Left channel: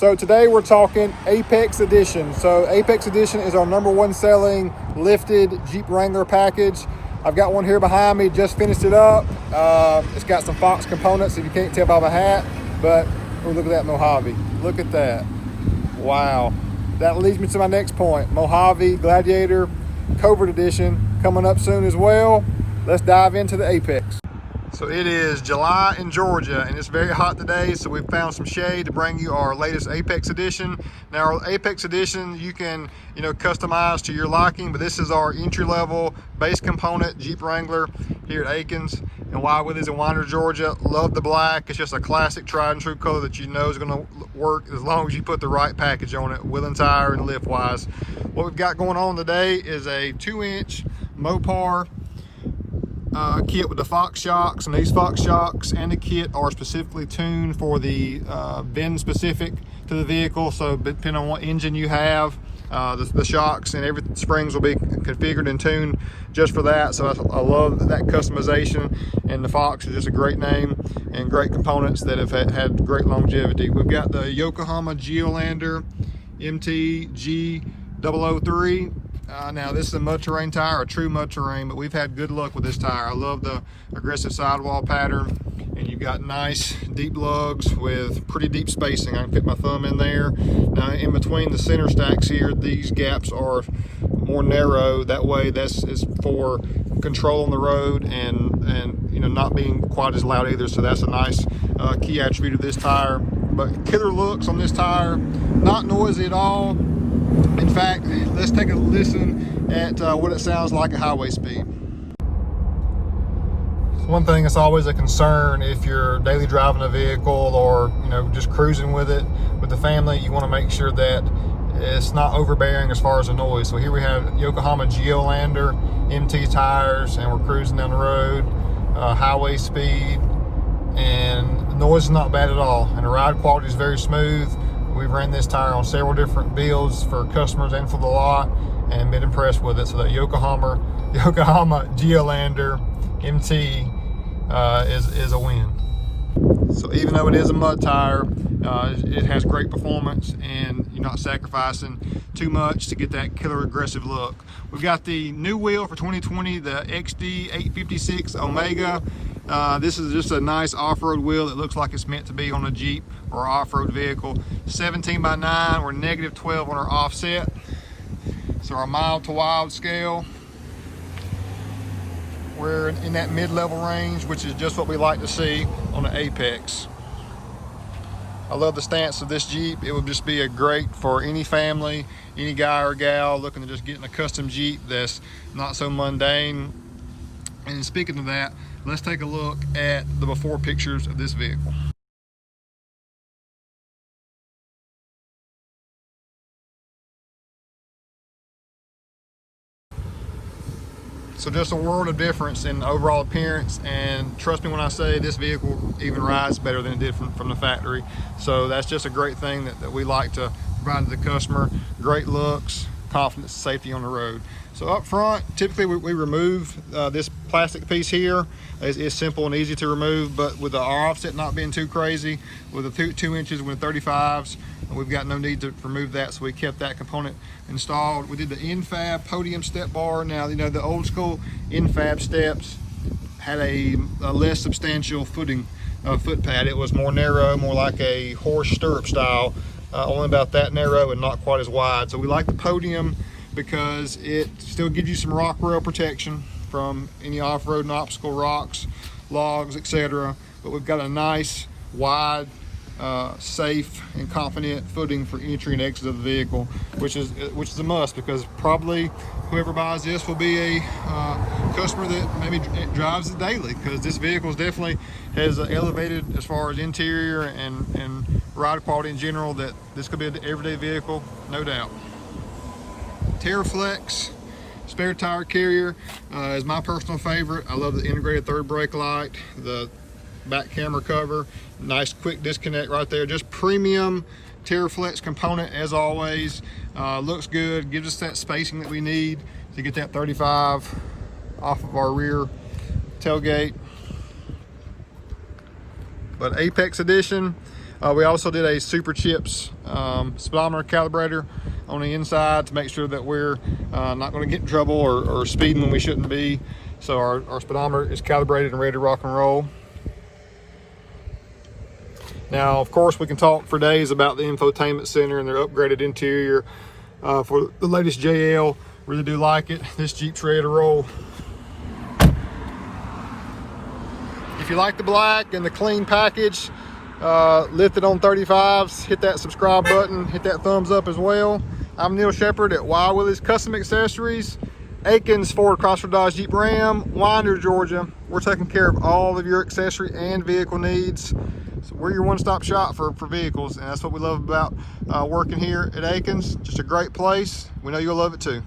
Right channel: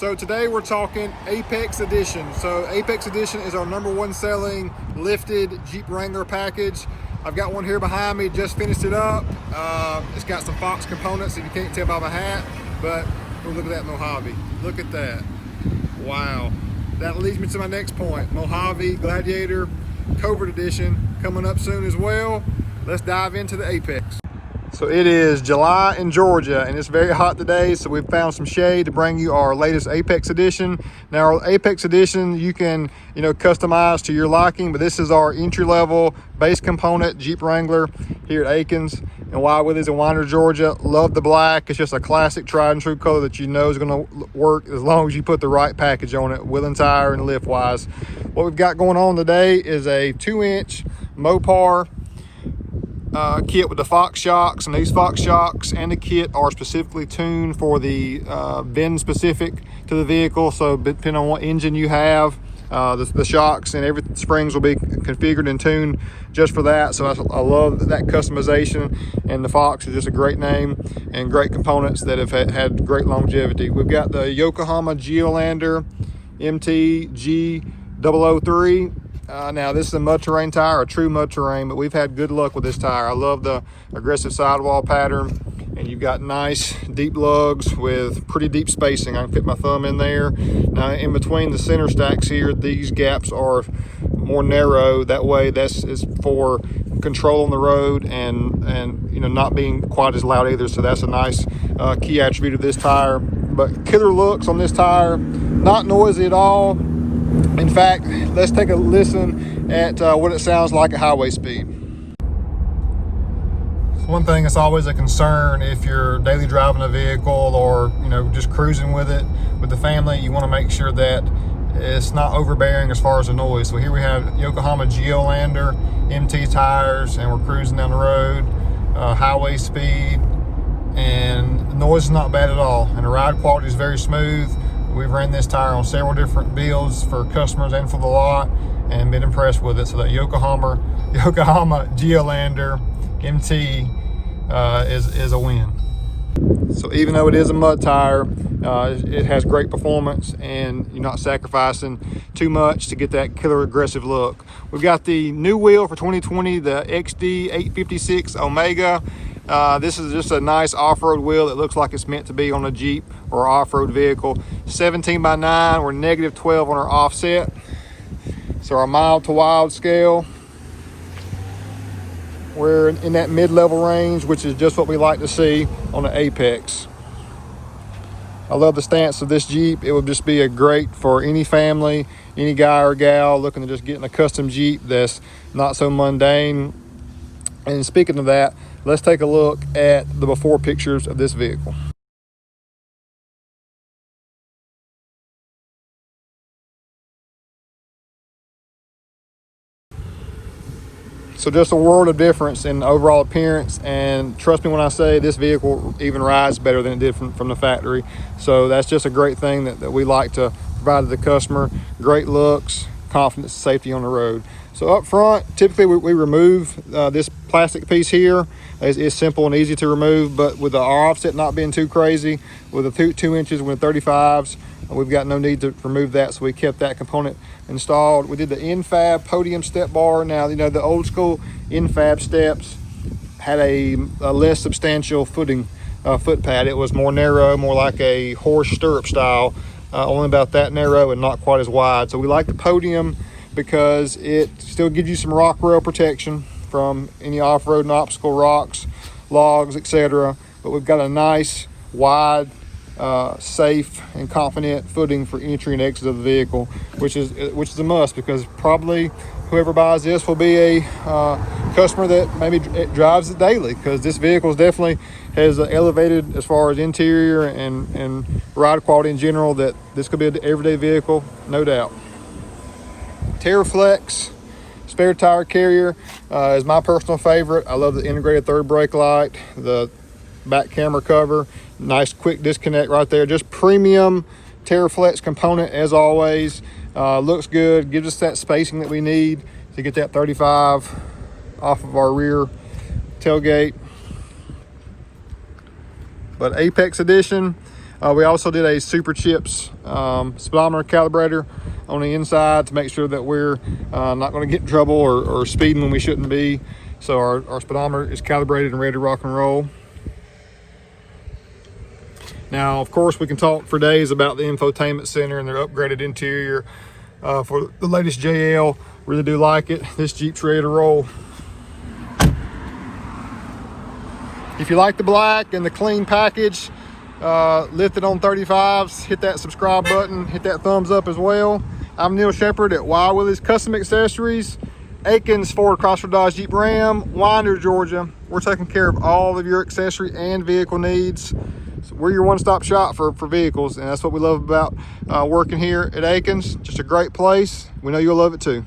So today we're talking Apex Edition. So Apex Edition is our #1 selling lifted Jeep Wrangler package. I've got one here behind me, just finished it up. It's got some Fox components if you can't tell by my hat, but oh, look at that Mojave. Look at that. Wow. That leads me to my next point. Mojave Gladiator Covert Edition coming up soon as well. Let's dive into the Apex. So it is July in Georgia and it's very hot today, so we've found some shade to bring you our latest Apex Edition. Now our Apex Edition you can customize to your liking, but this is our entry-level base component Jeep Wrangler here at Aikens and Wild Willie's in Winder, Georgia. Love the black. It's just a classic tried and true color that you know is going to work as long as you put the right package on it, wheel and tire and lift wise. What we've got going on today is a 2-inch Mopar kit with the Fox shocks, and these Fox shocks and the kit are specifically tuned for the VIN specific to the vehicle. So depending on what engine you have, the shocks and every springs will be configured and tuned just for that. So I love that customization, and the Fox is just a great name and great components that have had great longevity. We've got the Yokohama Geolander MTG003. Now this is a mud terrain tire, a true mud terrain, but we've had good luck with this tire. I love the aggressive sidewall pattern, and you've got nice deep lugs with pretty deep spacing. I can fit my thumb in there. Now in between the center stacks here, these gaps are more narrow. That way this is for control on the road and not being quite as loud either. So that's a nice key attribute of this tire. But killer looks on this tire, not noisy at all. In fact, let's take a listen at what it sounds like at highway speed. One thing that's always a concern if you're daily driving a vehicle or just cruising with it with the family, you want to make sure that it's not overbearing as far as the noise. So here we have Yokohama Geolander MT tires, and we're cruising down the road, highway speed, and the noise is not bad at all, and the ride quality is very smooth. We've ran this tire on several different builds for customers and for the lot and been impressed with it. So that Yokohama Geolander MT is a win. So even though it is a mud tire, it has great performance, and you're not sacrificing too much to get that killer aggressive look. We've got the new wheel for 2020, the XD856 Omega. This is just a nice off-road wheel that looks like it's meant to be on a Jeep or off-road vehicle. 17x9, we're -12 on our offset. So our mild to wild scale, we're in that mid-level range, which is just what we like to see on the Apex. I love the stance of this Jeep. It would just be a great for any family, any guy or gal looking to just get in a custom Jeep that's not so mundane. And speaking of that, let's take a look at the before pictures of this vehicle. So just a world of difference in overall appearance, and trust me when I say this vehicle even rides better than it did from the factory. So that's just a great thing that we like to provide to the customer. Great looks, confidence, safety on the road. So up front, typically we remove this plastic piece here. It's simple and easy to remove, but with our offset not being too crazy, with the 2 inches with 35s, we've got no need to remove that, so we kept that component installed. We did the N-Fab Podium step bar. Now, the old school N-Fab steps had a less substantial foot pad. It was more narrow, more like a horse stirrup style, only about that narrow and not quite as wide. So we like the Podium because it still gives you some rock rail protection from any off-road and obstacle rocks, logs, etc. But we've got a nice, wide, safe and confident footing for entry and exit of the vehicle, which is a must, because probably whoever buys this will be a customer that maybe drives it daily, because this vehicle definitely has elevated as far as interior and ride quality in general, that this could be an everyday vehicle, no doubt. TerraFlex spare tire carrier is my personal favorite. I love the integrated third brake light, the back camera cover, nice quick disconnect right there. Just premium TerraFlex component as always. Looks good, gives us that spacing that we need to get that 35 off of our rear tailgate. But Apex Edition, We also did a Super Chips speedometer calibrator on the inside to make sure that we're not going to get in trouble or speeding when we shouldn't be. So our speedometer is calibrated and ready to rock and roll. Now, of course, we can talk for days about the infotainment center and their upgraded interior for the latest JL. Really do like it. This Jeep's ready to roll. If you like the black and the clean package, lifted on 35s, hit that subscribe button, hit that thumbs up as well. I'm Neil Shepard at Wild Willie's Custom Accessories, Aikens Ford Chrysler Dodge Jeep Ram, Winder, Georgia. We're taking care of all of your accessory and vehicle needs. So we're your one-stop shop for vehicles, and that's what we love about working here at Aikens. Just a great place. We know you'll love it too.